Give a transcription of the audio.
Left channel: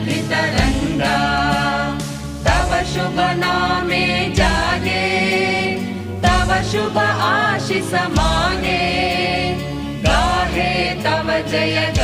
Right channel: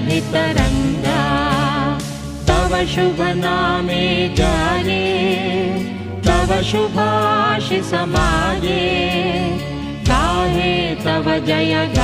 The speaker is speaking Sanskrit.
सुरभितरङ्गा तव शुभ नामे जाने तव शुभ आशिष माने गाहे तव जय